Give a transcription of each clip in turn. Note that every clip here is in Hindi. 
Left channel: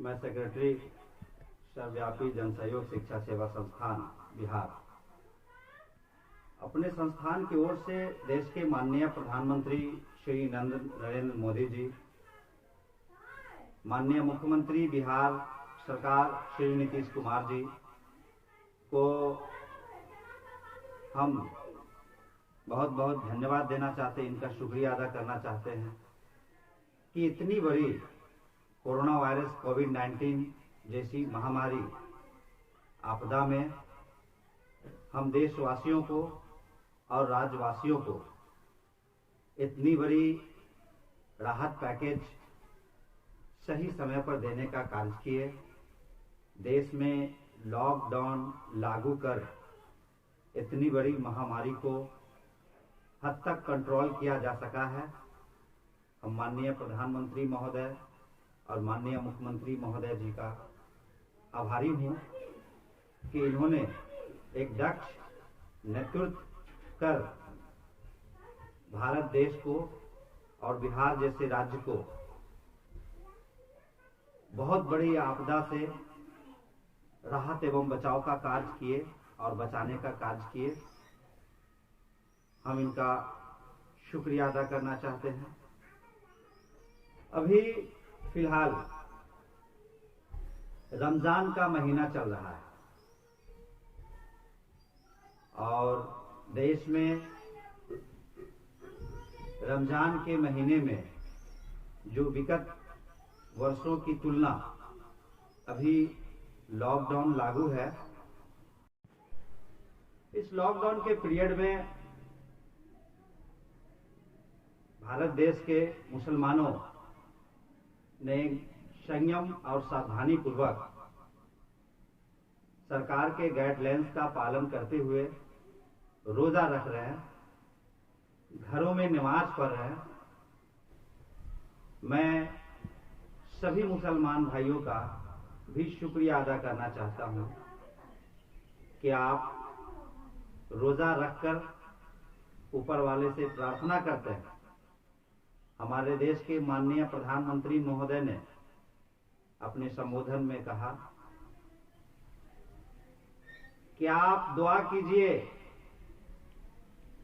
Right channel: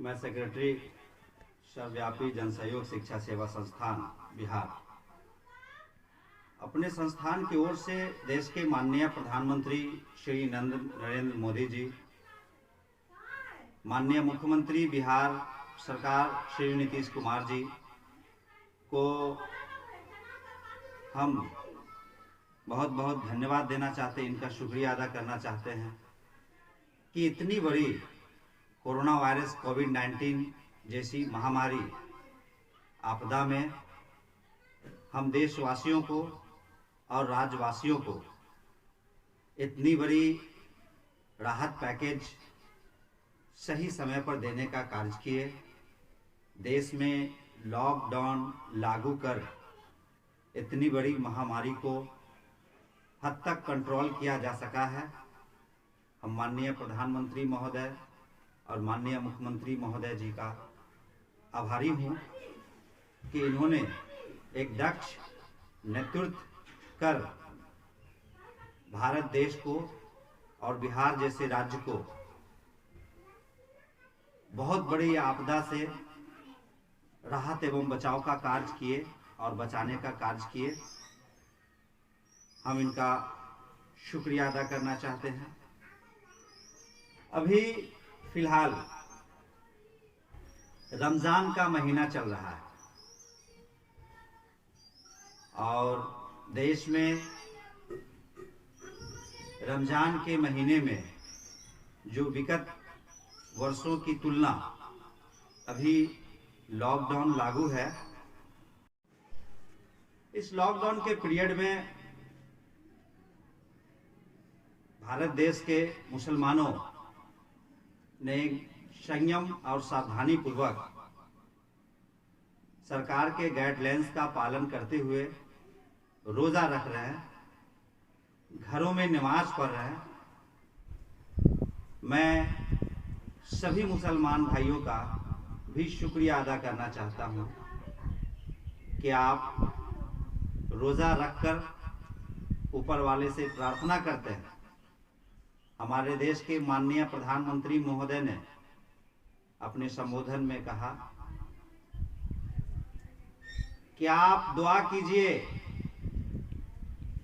मैं सेक्रेटरी सर्वव्यापी जनसहयोग शिक्षा सेवा संस्थान बिहार अपने संस्थान की ओर से देश के माननीय प्रधानमंत्री श्री नरेंद्र मोदी जी, माननीय मुख्यमंत्री बिहार सरकार श्री नीतीश कुमार जी को हम बहुत बहुत धन्यवाद देना चाहते हैं, इनका शुक्रिया अदा करना चाहते हैं कि इतनी बड़ी कोरोना वायरस कोविड-19 जैसी महामारी आपदा में हम देशवासियों को और राज्यवासियों को इतनी बड़ी राहत पैकेज सही समय पर देने का कार्य किए। देश में लॉकडाउन लागू कर इतनी बड़ी महामारी को हद तक कंट्रोल किया जा सका है। हम माननीय प्रधानमंत्री महोदय और माननीय मुख्यमंत्री महोदय जी का आभारी हूँ कि इन्होंने एक दक्ष नेतृत्व कर भारत देश को और बिहार जैसे राज्य को बहुत बड़ी आपदा से राहत एवं बचाव का कार्य किए और बचाने का कार्य किए। हम इनका शुक्रिया अदा करना चाहते हैं। अभी फिलहाल रमजान का महीना चल रहा है और देश में रमजान के महीने में जो विगत वर्षों की तुलना अभी लॉकडाउन लागू है। इस लॉकडाउन के पीरियड में भारत देश के मुसलमानों ने संयम और सावधानी पूर्वक सरकार के गाइडलाइंस का पालन करते हुए रोजा रख रहे हैं, घरों में नमाज पढ़ रहे हैं। मैं सभी मुसलमान भाइयों का भी शुक्रिया अदा करना चाहता हूं कि आप रोजा रखकर ऊपर वाले से प्रार्थना करते हैं। हमारे देश के माननीय प्रधानमंत्री महोदय ने अपने संबोधन में कहा कि आप दुआ कीजिए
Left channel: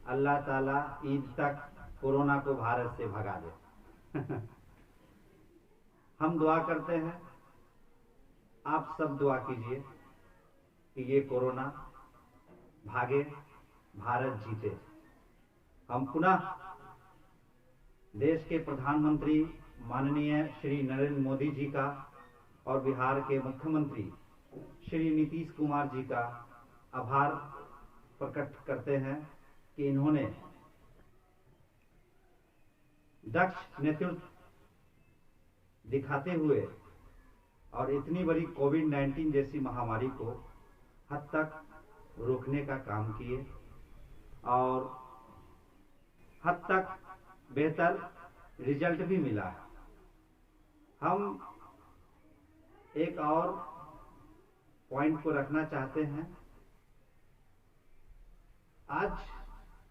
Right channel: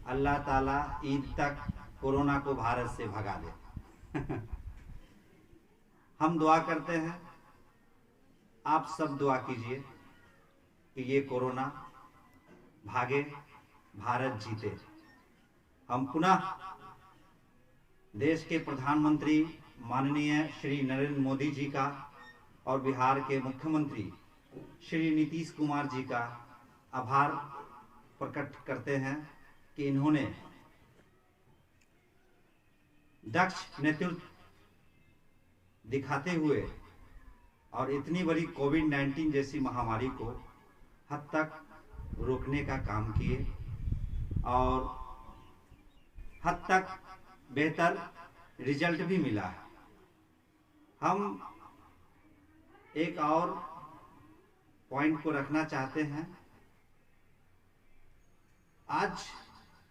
अल्लाह ताला ईद तक कोरोना को भारत से भगा दे। हम दुआ करते हैं, आप सब दुआ कीजिए कि ये कोरोना भागे, भारत जीते। हम पुनः देश के प्रधानमंत्री माननीय श्री नरेंद्र मोदी जी का और बिहार के मुख्यमंत्री श्री नीतीश कुमार जी का आभार प्रकट करते हैं कि इन्होंने दक्ष नेतृत्व दिखाते हुए और इतनी बड़ी कोविड-19 जैसी महामारी को हद तक रोकने का काम किए और हद तक बेहतर रिजल्ट भी मिला है। हम एक और पॉइंट को रखना चाहते हैं। आज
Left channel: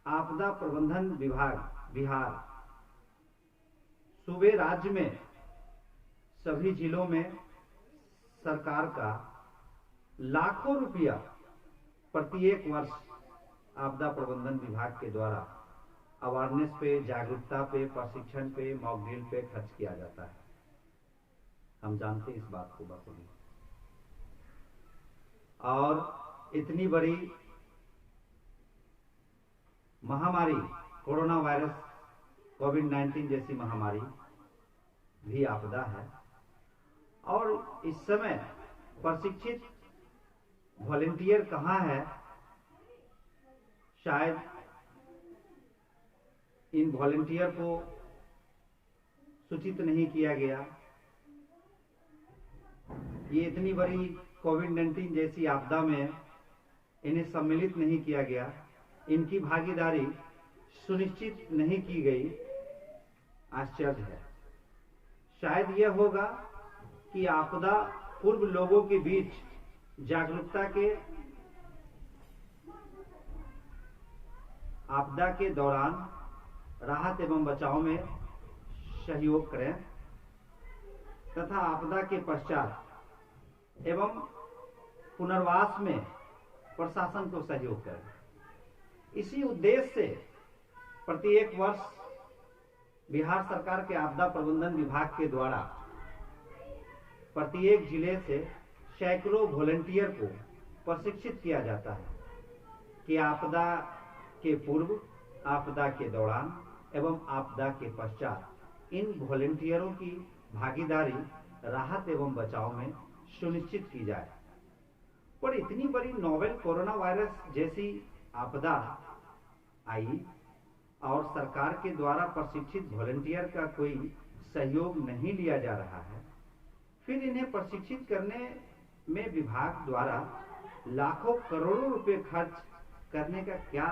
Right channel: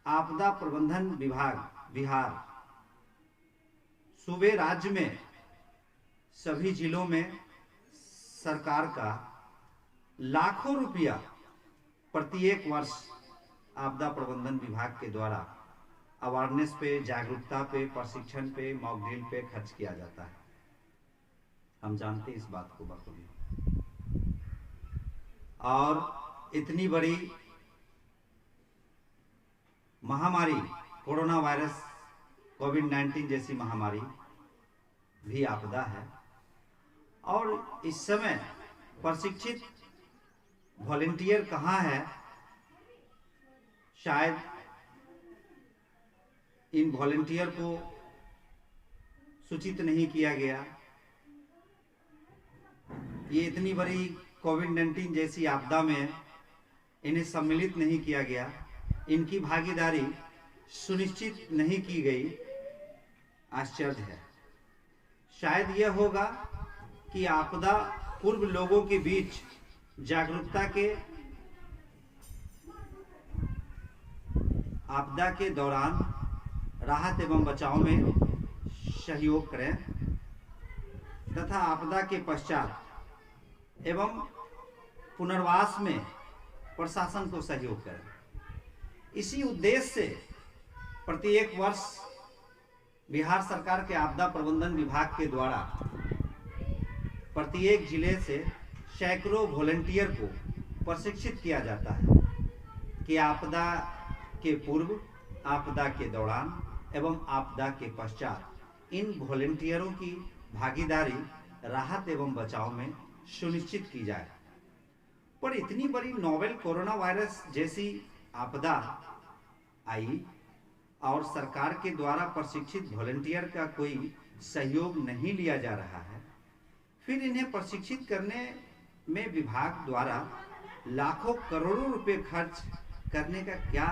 आपदा प्रबंधन विभाग बिहार सूबे राज्य में सभी जिलों में सरकार का लाखों रुपया प्रत्येक वर्ष आपदा प्रबंधन विभाग के द्वारा अवेयरनेस पे, जागरूकता पे, प्रशिक्षण पे, मॉक ड्रिल पे खर्च किया जाता है। हम जानते हैं इस बात को बखूबी। और इतनी बड़ी महामारी कोरोना वायरस कोविड-19 जैसी महामारी भी आपदा है और इस समय प्रशिक्षित वॉलंटियर कहाँ है, शायद इन वॉलंटियर को सूचित नहीं किया गया। ये इतनी बड़ी कोविड-19 जैसी आपदा में इन्हें सम्मिलित नहीं किया गया, इनकी भागीदारी सुनिश्चित नहीं की गई। आश्चर्य है। शायद यह होगा कि आपदा पूर्व लोगों के बीच जागरूकता के आपदा के दौरान राहत एवं बचाव में सहयोग करें। तथा आपदा के पश्चात एवं पुनर्वास में प्रशासन को सहयोग करें। इसी उद्देश्य से प्रत्येक वर्ष बिहार सरकार के आपदा प्रबंधन विभाग के द्वारा प्रत्येक जिले से सैकड़ों वॉलंटियर को प्रशिक्षित किया जाता है कि आपदा के पूर्व, आपदा के दौरान एवं आपदा के पश्चात इन वॉलंटियरों की भागीदारी राहत एवं बचाव में सुनिश्चित की जाए। पर इतनी बड़ी नोवेल कोरोना वायरस जैसी आपदा आई और सरकार के द्वारा प्रशिक्षित वॉलंटियर का कोई सहयोग नहीं लिया जा रहा है, फिर इन्हें प्रशिक्षित करने में विभाग द्वारा लाखों करोड़ों रुपए खर्च करने का क्या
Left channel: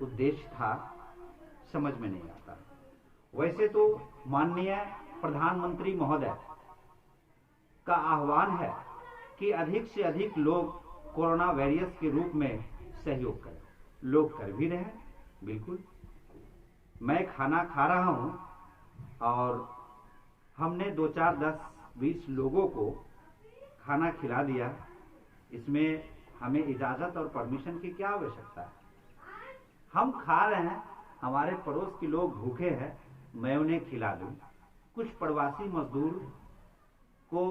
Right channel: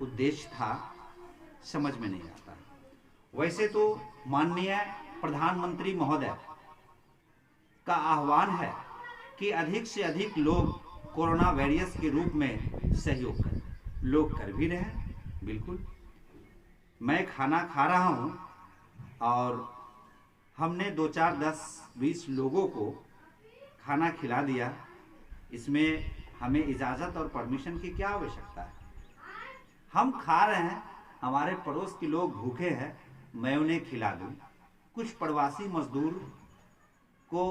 उद्देश्य था, समझ में नहीं आता। वैसे तो माननीय प्रधानमंत्री महोदय का आह्वान है कि अधिक से अधिक लोग कोरोना वॉरियर्स के रूप में सहयोग करें। लोग कर भी रहे हैं, बिल्कुल। मैं खाना खा रहा हूं और हमने 2, 4, 10, 20 लोगों को खाना खिला दिया। इसमें हमें इजाज़त और परमिशन की क्या आवश्यकता है? हम खा रहे हैं, हमारे पड़ोस के लोग भूखे हैं, मैं उन्हें खिला दूं। कुछ प्रवासी मजदूर को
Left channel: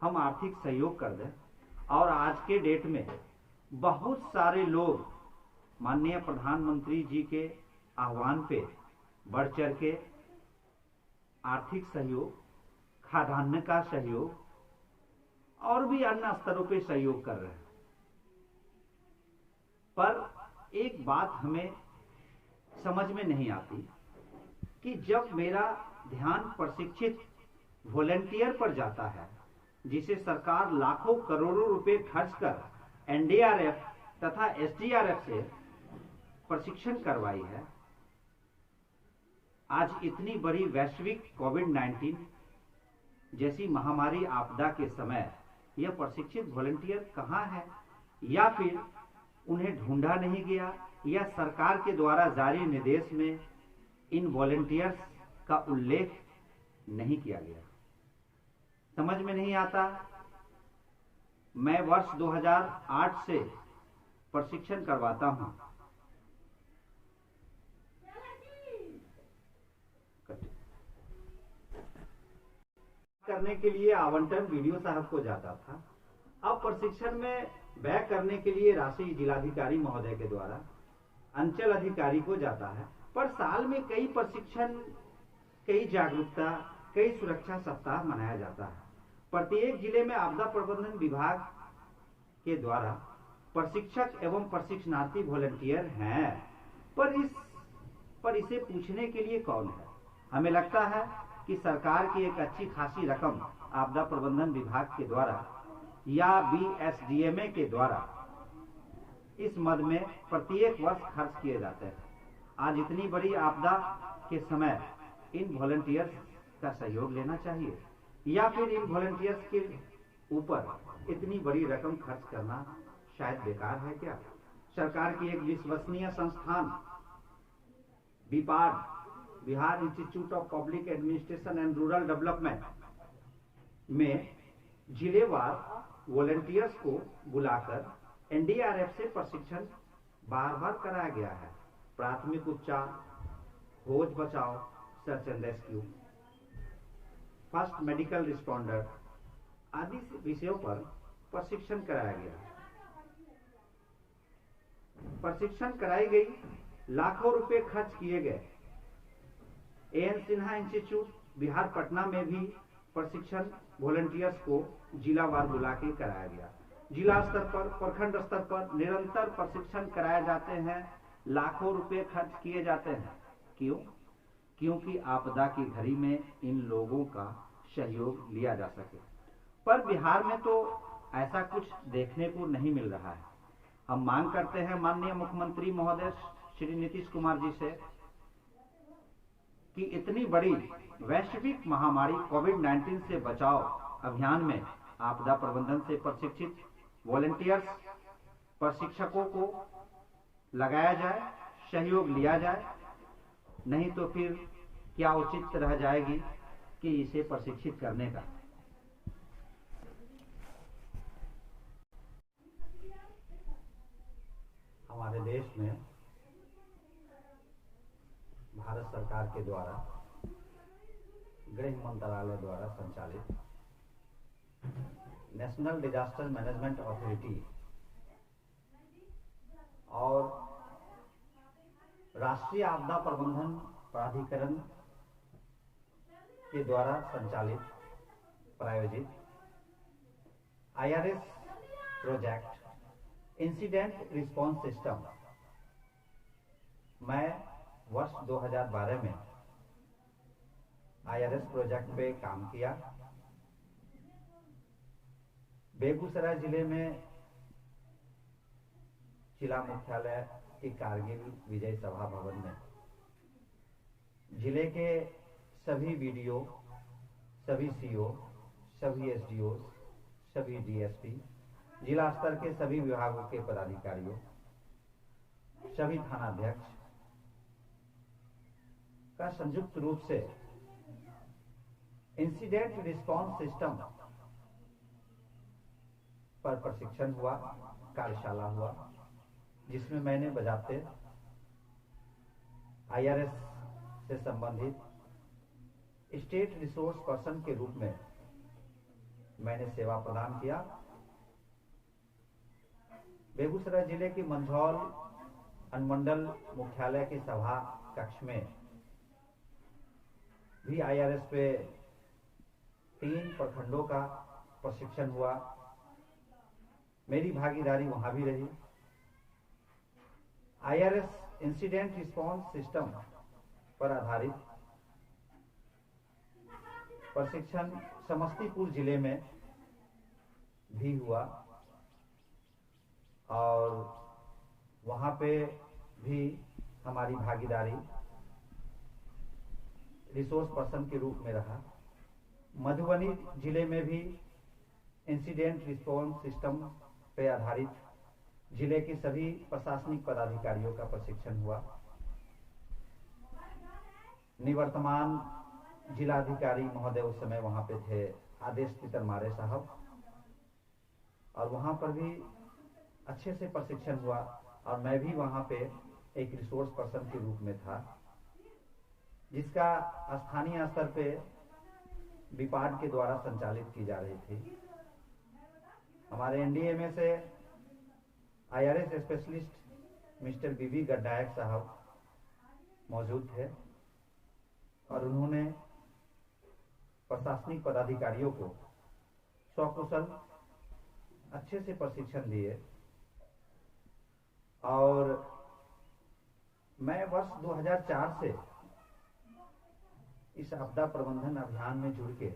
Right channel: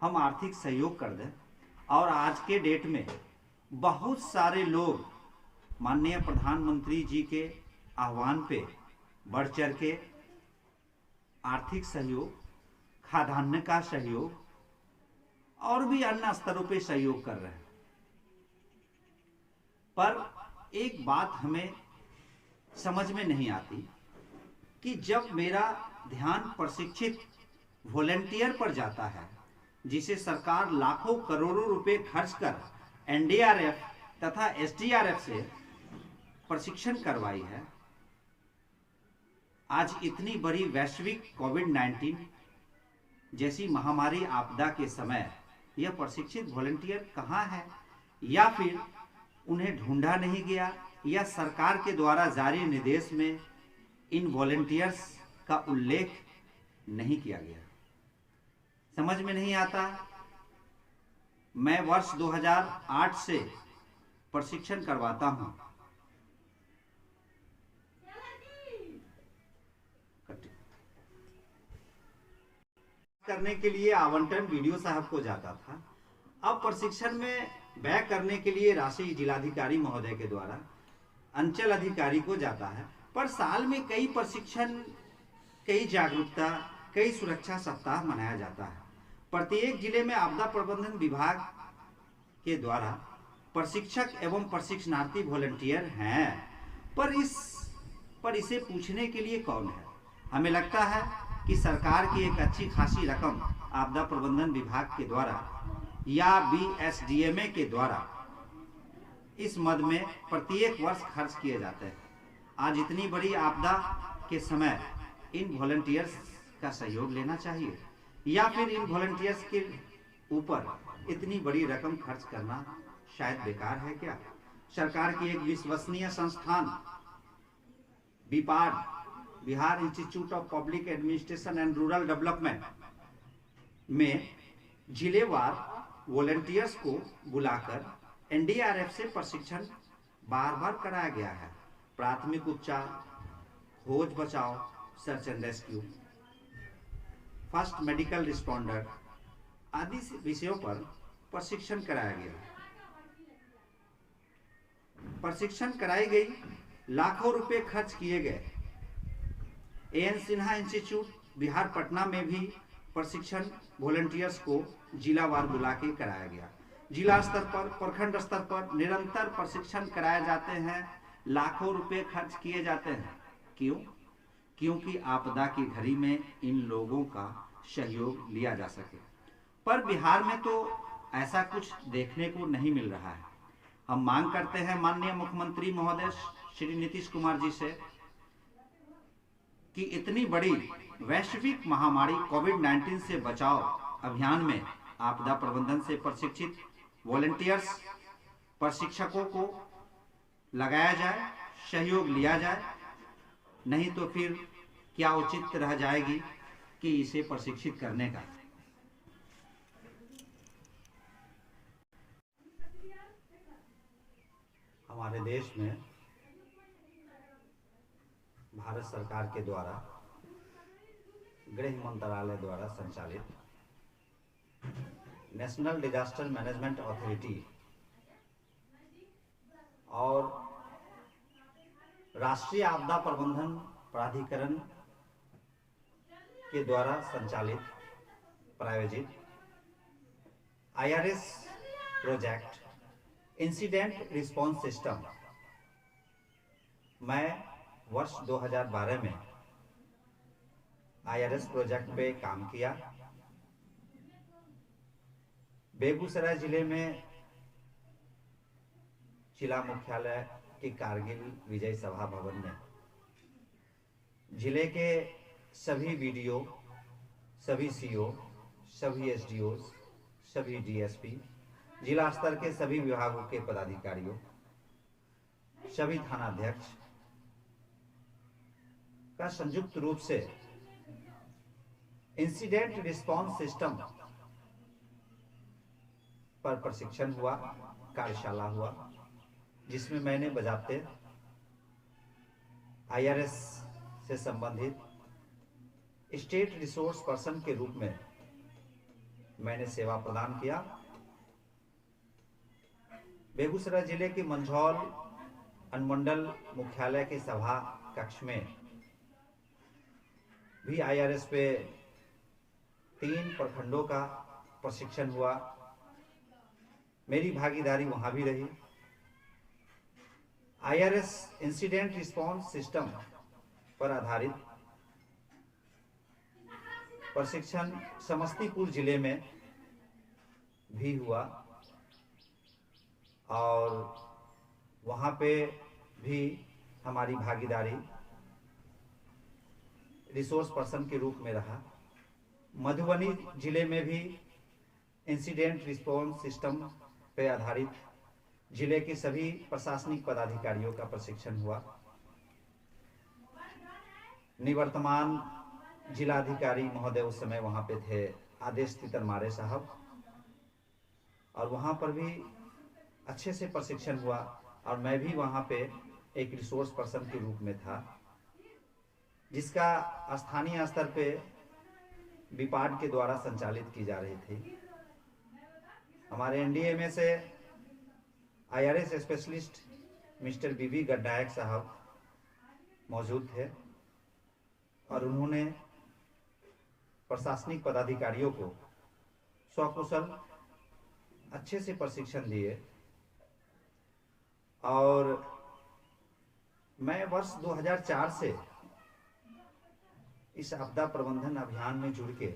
हम आर्थिक सहयोग कर दें। और आज के डेट में बहुत सारे लोग माननीय प्रधानमंत्री जी के आह्वान पे बढ़ चढ़ के आर्थिक सहयोग, खाद्यान्न का सहयोग और भी अन्य स्तरों पे सहयोग कर रहे हैं। पर एक बात हमें समझ में नहीं आती कि जब मेरा ध्यान प्रशिक्षित वॉलंटियर पर जाता है, जिसे सरकार लाखों करोड़ों रुपए खर्च कर एनडीआरएफ तथा एसडीआरएफ से प्रशिक्षण करवाई है, आज इतनी बड़ी वैश्विक कोविड-19 जैसी महामारी आपदा के समय यह प्रशिक्षित वॉलंटियर कहाँ है? या फिर उन्हें ढूंढा नहीं गया, या सरकार के द्वारा जारी निर्देश में इन वॉलंटियर्स का उल्लेख नहीं किया गया, समझ में नहीं आता। मैं वर्ष 2008 से प्रशिक्षण करवाता हूं। करने के लिए आवंटन वीडियो साहब को जाता था। अब प्रशिक्षण में व्यय करने के लिए राशि जिलाधिकारी महोदय के द्वारा अंचल अधिकारी को जाता है। पर साल में कई प्रशिक्षण, कई जागरूकता, कई सुरक्षा सप्ताह मनाया जाता है। प्रत्येक जिले में आपदा प्रबंधन विभाग के द्वारा प्रशिक्षक एवं प्रशिक्षणार्थी वॉलंटियर हैं, पर इसे पूछने के लिए कौन है? हमें लगता है कि सरकार की एक अच्छी खासी रकम आपदा प्रबंधन विभाग के द्वारा या बीएसडीएमए के द्वारा इस मद में प्रत्येक वर्ष खर्च किए जाते हैं। आज इतनी बड़ी आपदा के समय इन वॉलंटियर्स का सहयोग लेना चाहिए, या फिर इन वॉलंटियर्स के ऊपर इतनी बड़ी रकम खर्च करना शायद बेकार है क्या? सरकार की एक विश्वसनीय संस्थान BIPARD, Bihar institute of public administration and rural development में जिलेवार वॉलंटियर्स को बुलाकर एनडीआरएफ से प्रशिक्षण बार बार कराया गया है। प्राथमिक उपचार, खोज बचाव, search and rescue, first medical responder आदि विषयों पर प्रशिक्षण कराया गया। प्रशिक्षण कराई गई, लाखों रुपए खर्च किए गए। एएन सिन्हा इंस्टीट्यूट बिहार पटना में भी प्रशिक्षण वॉलंटियर्स को जिलावार बुला के कराया गया। जिला स्तर पर, प्रखंड स्तर पर निरंतर प्रशिक्षण कराए जाते हैं, लाखों रुपए खर्च किए जाते हैं। क्यों? क्योंकि आपदा की घड़ी में इन लोगों का सहयोग लिया जा सके। पर बिहार में तो ऐसा कुछ देखने को नहीं मिल रहा है। हम मांग करते हैं माननीय मुख्यमंत्री महोदय श्री नीतीश कुमार जी से कि इतनी बड़ी वैश्विक महामारी कोविड-19 से बचाव अभियान में आपदा प्रबंधन से प्रशिक्षित वॉलंटियर्स, प्रशिक्षकों को लगाया जाए, सहयोग लिया जाए। नहीं तो फिर क्या उचित रह जाएगी कि इसे प्रशिक्षित करने का। हमारे देश में भारत सरकार के द्वारा गृह मंत्रालय द्वारा संचालित नेशनल डिजास्टर मैनेजमेंट अथॉरिटी और राष्ट्रीय आपदा प्रबंधन प्राधिकरण के द्वारा संचालित प्रायोजित IRS project incident response system, मैं वर्ष 2012 में IRS प्रोजेक्ट पे काम किया। बेगूसराय जिले में जिला मुख्यालय के कारगिल विजय सभा भवन में जिले के सभी BDO, सभी CO, सभी SDO, सभी DSP, जिला स्तर के सभी विभागों के पदाधिकारियों, सभी थानाध्यक्ष का संयुक्त रूप से इंसिडेंट रिस्पांस सिस्टम पर प्रशिक्षण हुआ, कार्यशाला हुआ, जिसमें मैंने बजाते IRS से संबंधित स्टेट रिसोर्स पर्सन के रूप में मैंने सेवा प्रदान किया। बेगूसराय जिले के मंझौल अनुमंडल मुख्यालय के सभा कक्ष में भी IRS पे 3 प्रखंडों का प्रशिक्षण हुआ। मेरी भागीदारी वहां भी रही। IRS इंसिडेंट रिस्पांस सिस्टम पर आधारित प्रशिक्षण समस्तीपुर जिले में भी हुआ और वहां पे भी हमारी भागीदारी रिसोर्स पर्सन के रूप में रहा। मधुबनी जिले में भी इंसिडेंट रिस्पांस सिस्टम पे आधारित जिले के सभी प्रशासनिक पदाधिकारियों का प्रशिक्षण हुआ। निवर्तमान जिलाधिकारी महोदय उस समय वहां पे थे, आदेश तितरमारे साहब, और वहां पर भी अच्छे से प्रशिक्षण हुआ और मैं भी वहां पे एक रिसोर्स पर्सन के रूप में था, जिसका स्थानीय स्तर पे विपाड के द्वारा संचालित की जा रही थी। हमारे NDA में से IRS स्पेशलिस्ट मिस्टर BB गड्डायक साहब मौजूद थे और उन्होंने प्रशासनिक पदाधिकारियों को सकुशल अच्छे से प्रशिक्षण दिए और मैं वर्ष 2004 से इस आपदा प्रबंधन अभियान में जुड़ के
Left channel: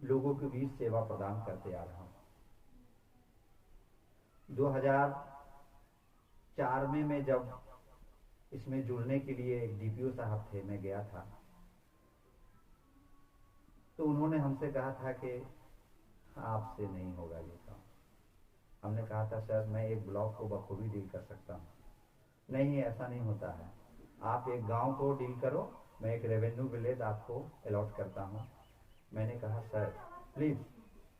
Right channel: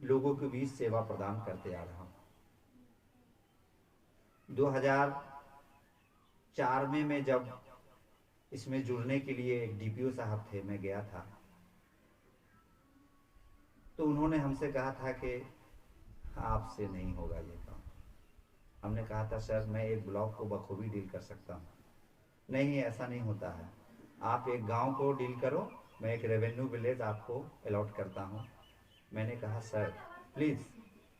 लोगों के बीच सेवा प्रदान करते आ रहा हूं। 2004 में मैं जब इसमें जुड़ने के लिए एक DPO साहब थे, मैं गया था तो उन्होंने हमसे कहा था कि आपसे नहीं होगा ये काम। हमने कहा था सर मैं एक ब्लॉक को बखूबी डील कर सकता हूँ। नहीं, ऐसा नहीं होता है, आप एक गांव को डील करो, मैं एक रेवेन्यू विलेज आपको अलॉट करता हूँ। मैंने कहा सर प्लीज़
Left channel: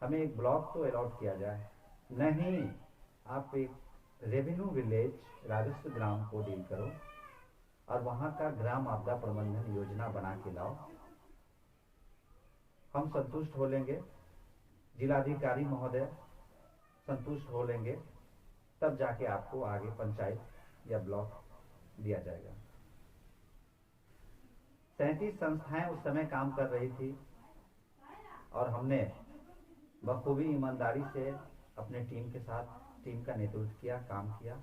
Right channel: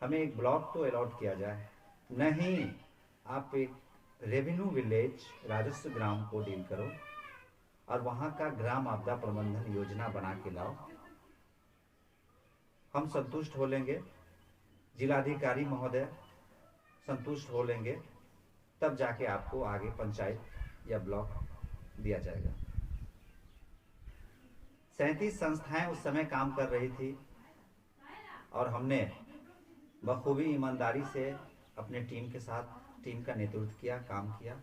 हमें एक ब्लॉक तो अलॉट किया जाए। नहीं, आप एक रेवेन्यू विलेज राजस्व ग्राम को डील करो और वहाँ का ग्राम आपदा प्रबंधन योजना बना के लाओ, हम संतुष्ट हो लेंगे, जिलाधिकारी महोदय संतुष्ट हो लेंगे, तब जाके आपको आगे पंचायत या ब्लॉक दिया जाएगा। 37 संस्थाएं उस समय काम कर रही थी और हमने बखूबी ईमानदारी से अपने टीम के साथ टीम का नेतृत्व किया, काम किया।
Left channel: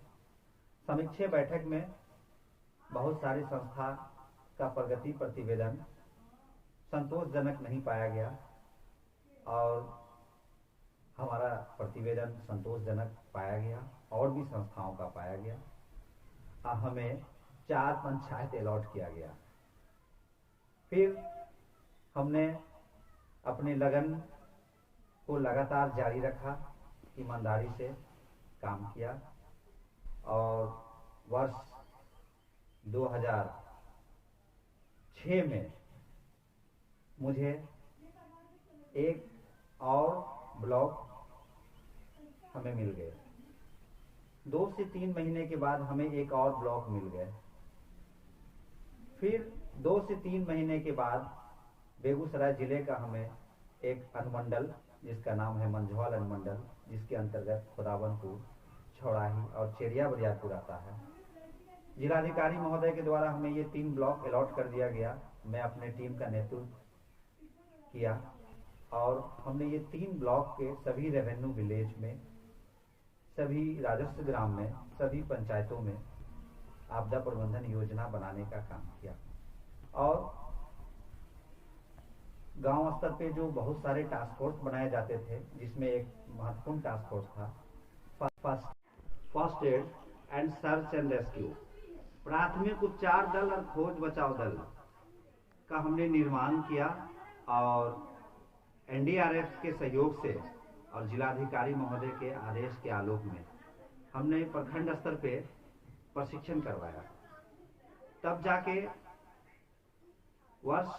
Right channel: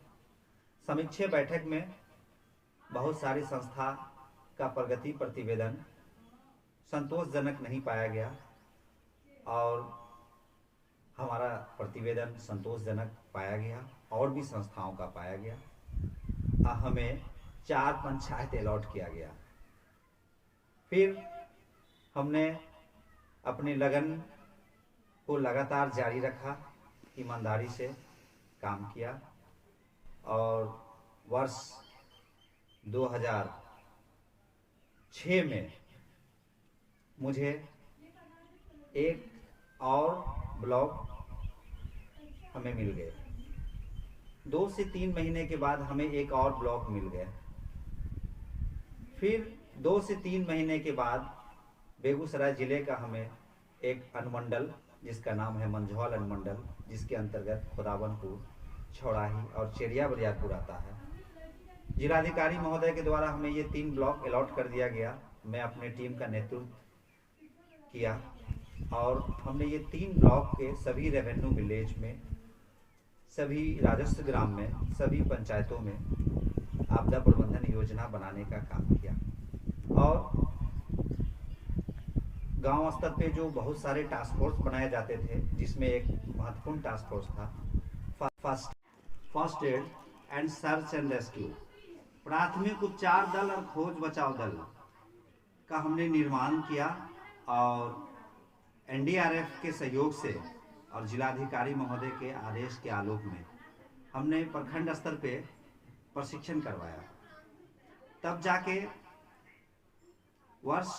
समीक्षा बैठक में बहुत सारी संस्था का प्रगति प्रतिवेदन संतोषजनक नहीं पाया गया और हमारा प्रतिवेदन संतोषजनक पाया गया और भी संस्थाओं का पाया गया। हमें 4 पंचायत अलॉट किया गया। फिर हमने अपने लगन को लगातार जारी रखा, ईमानदारी से काम किया और वर्ष 2006 में मुझे एक और ब्लॉक हमें मिल गए। 2 से 3 महीने के बाद हमें एक और ब्लॉक मिल गया। फिर 2 से 3 महीने के बाद बेगूसराय जिले का हमें एक अनुमंडल, जिसका नाम है मंझौल अनुमंडल, जिसके अंतर्गत खुदावनपुर, छौड़ाही और चेरिया बरियारपुर आता है। जिलाधिकारी महोदय के द्वारा हमें ये 3 ब्लॉक अलॉट कर दिया गया। मैं अपने टीम का नेतृत्व किया और हमने ये 3 ब्लॉक के सभी रेवेन्यू विलेज में, सभी राजस्व ग्राम में, सभी पंचायतों में आपदा प्रबंधन योजना बनाने का काम किया। और गांव स्तर पे जो बहुत सारे टास्क फोर्स बनाए जाते थे, जिसमें एक महत्वपूर्ण टास्क फोर्स था first aid and search and rescue, प्राथमिक उपचार दल और खोज बचाव दल का हमने निर्माण किया। और एनडीआरएफ के सहयोग से और जिलाधिकारी महोदय के आदेश के आलोक में हमने प्रखंड स्तर पे प्रशिक्षण करवाया। तब जाके वर्ष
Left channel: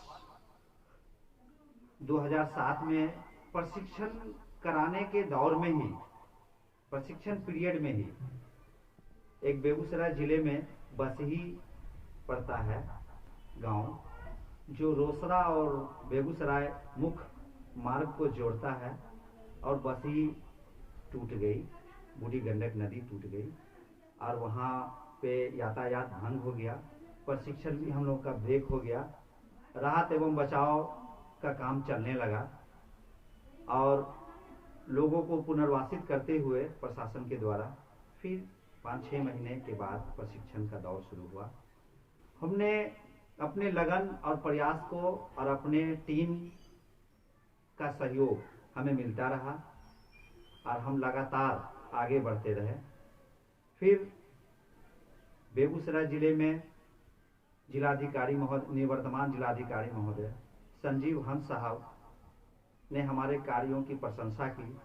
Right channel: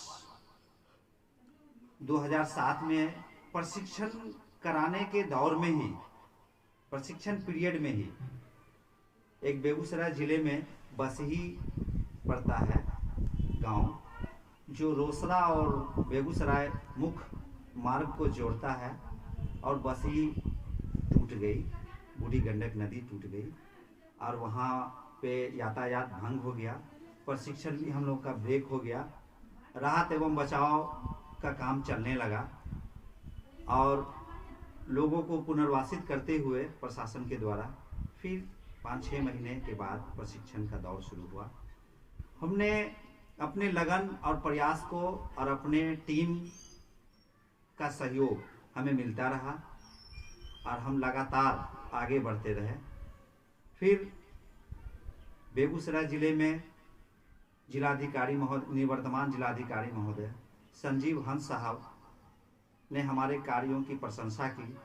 2007 में प्रशिक्षण कराने के दौर में ही, प्रशिक्षण पीरियड में ही, एक बेगूसराय जिले में बसही पड़ता है गांव, जो रोसड़ा और बेगूसराय मुख्य मार्ग को जोड़ता है, और बसही टूट गई, बूढ़ी गंडक नदी टूट गई और वहाँ पे यातायात भंग हो गया। प्रशिक्षण भी हम लोग का ब्रेक हो गया। राहत एवं बचाव का काम चलने लगा और लोगों को पुनर्वासित करते हुए प्रशासन के द्वारा फिर 5-6 महीने के बाद प्रशिक्षण का दौर शुरू हुआ। हमने अपने लगन और प्रयास को और अपने टीम का सहयोग हमें मिलता रहा और हम लगातार आगे बढ़ते रहे। फिर बेगूसराय जिले में जिलाधिकारी महोदय, निवर्तमान जिलाधिकारी महोदय संजीव हंस साहब ने हमारे कार्यों की प्रशंसा की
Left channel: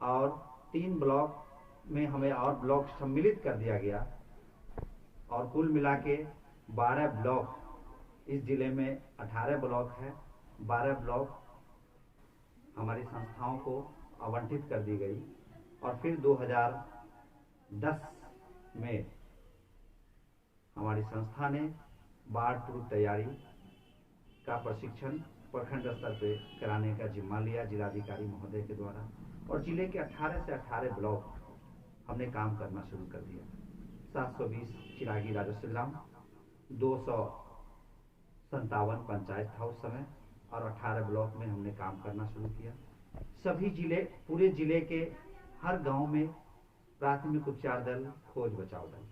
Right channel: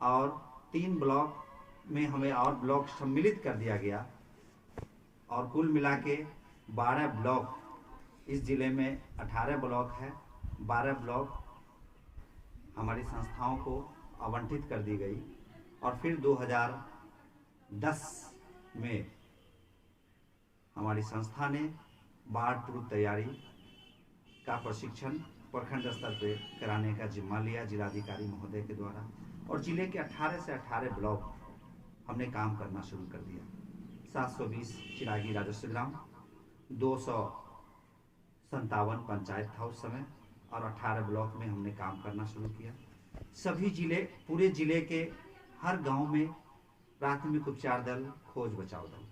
और 3 ब्लॉक में हमें और ब्लॉक सम्मिलित कर दिया गया और कुल मिला के 12 ब्लॉक, इस जिले में 18 ब्लॉक है, 12 ब्लॉक हमारी संस्थाओं को आवंटित कर दी गई। और फिर 2010 में हमारी संस्था ने बाढ़ पूर्व तैयारी का प्रशिक्षण प्रखंड स्तर पर कराने का जिम्मा लिया जिलाधिकारी महोदय के द्वारा, और जिले के 18 से 18 ब्लॉक हमने काम करना शुरू कर दिया। 720 चिरागी राजस्व ग्राम, 257 पंचायत था उस समय, और 18 ब्लॉक में हमने काम करना शुरू किया। सभी जिले, पूरे जिले के हर गांव में प्राथमिक उपचार दल, खोज बचाव दल,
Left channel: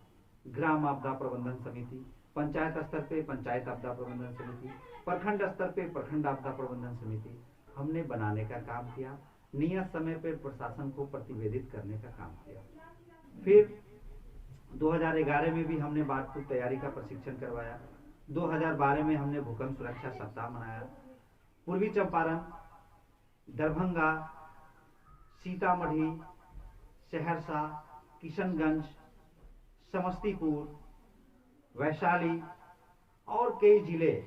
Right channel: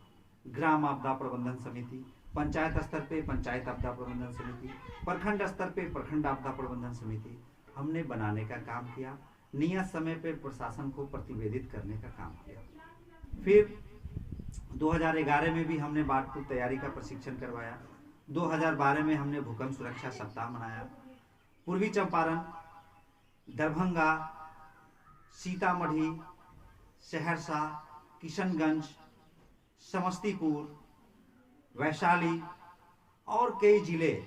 ग्राम आपदा प्रबंधन समिति, पंचायत स्तर पे पंचायत आपदा प्रबंधन समिति, प्रखंड स्तर पे प्रखंड आपदा प्रबंधन समिति हमने बनाने का काम किया। नियत समय पे प्रशासन को प्रतिवेदित करने का काम किया। फिर 2011 में भी हमने बाढ़ पूर्व तैयारी का प्रशिक्षण करवाया। 2012 में हमने भूकंप सुरक्षा सप्ताह मनाया। पूर्वी चंपारण, दरभंगा, सीतामढ़ी, सहरसा, किशनगंज, समस्तीपुर, वैशाली और कई जिले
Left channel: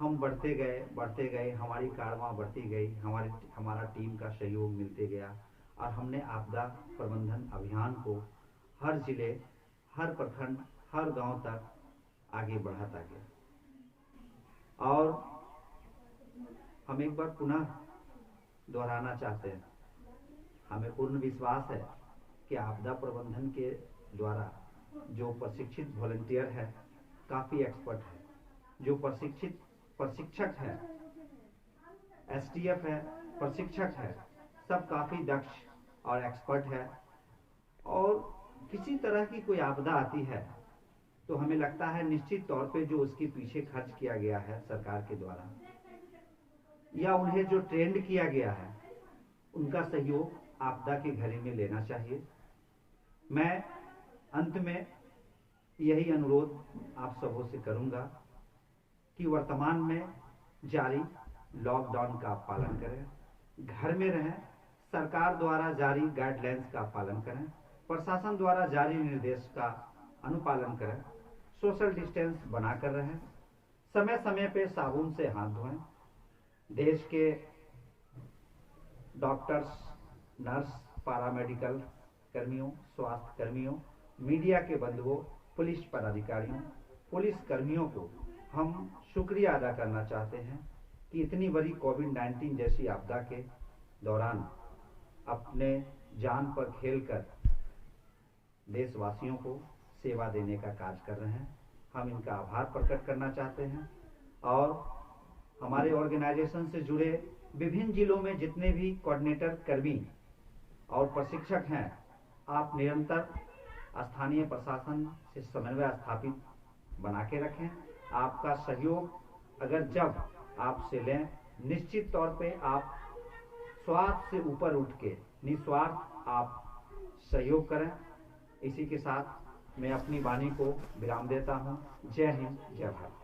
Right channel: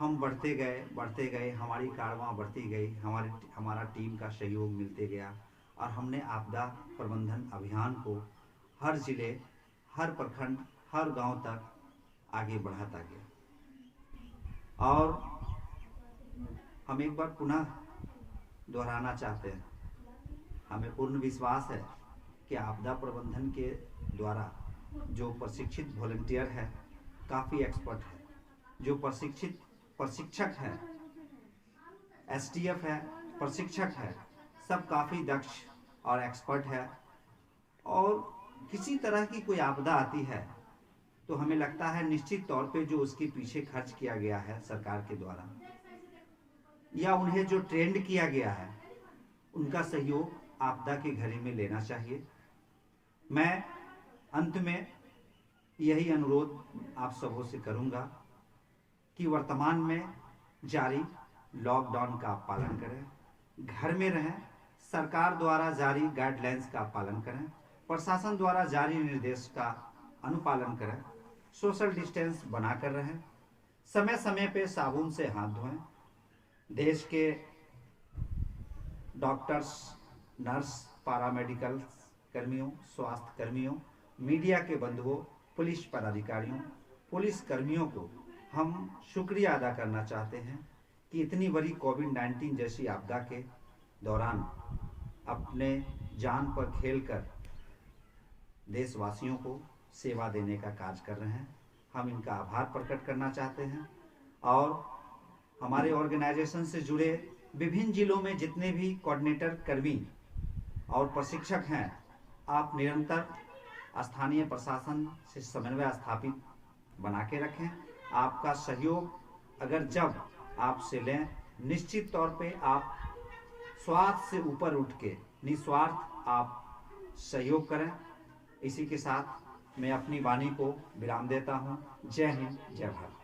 हम बढ़ते गए, हमारी कारवां बढ़ती गई, हमारा टीम का सहयोग मिलते गया और हमने आपदा प्रबंधन अभियान को हर जिले, हर प्रखंड, हर गांव तक आगे बढ़ाता गया। और हम एक बार पुनः दोहराना चाहते हैं, हमें पूर्ण विश्वास है कि आपदा प्रबंधन के द्वारा जो प्रशिक्षित वॉलंटियर है, काफ़ी एक्सपर्ट है, जो प्रशिक्षक है, एसटीएफ है, प्रशिक्षक है, सब काफ़ी दक्ष और एक्सपर्ट है। और किसी तरह की कोई आपदा आती है तो हमें लगता है निश्चित तौर पे जो उसके पीछे खर्च किया गया है सरकार के द्वारा, या उन्हें जो ट्रेंड किया गया है, उनका सहयोग आपदा की घड़ी में लेना चाहिए। मैं अंत में यही अनुरोध आप सबों से करूंगा कि वर्तमान में जारी लॉकडाउन का आप पालन करें, घर में रहें, सरकार द्वारा जारी गाइडलाइंस का पालन करें, प्रशासन द्वारा जारी निर्देश का अनुपालन करें, सोशल डिस्टेंस बनाकर रहें, समय समय पे साबुन से हाथ धोएं, देश के डॉक्टर्स, नर्स, पैरामेडिकल कर्मियों, स्वास्थ्य कर्मियों, मीडिया के बंधुओं, पुलिस पदाधिकारियों, पुलिस कर्मियों को हम शुक्रिया अदा करना चाहते हैं कि इतनी बड़ी कोविड-19 जैसी आपदा के दौरान अपने जान पर खेलकर देशवासियों को सेवा देने का कार्य कर रहे हैं। हम इनका आभार प्रकट करना चाहते हैं और हमारे ऑर्गेनाइजेशन से जुड़े विभिन्न जिलों में जितने भी कोऑर्डिनेटर, कर्मी और प्रशिक्षक हैं, आप निरंतर स्थानीय प्रशासन से समन्वय स्थापित बना के रखें। आपका सहयोग अगर जब आपसे लें, निश्चित तौर पे आप स्वार्थ से ऊपर उठ के निस्वार्थ आप सहयोग करें। इसी के साथ मैं अपनी वाणी को विराम देता हूँ। जय हिंद, जय भारत।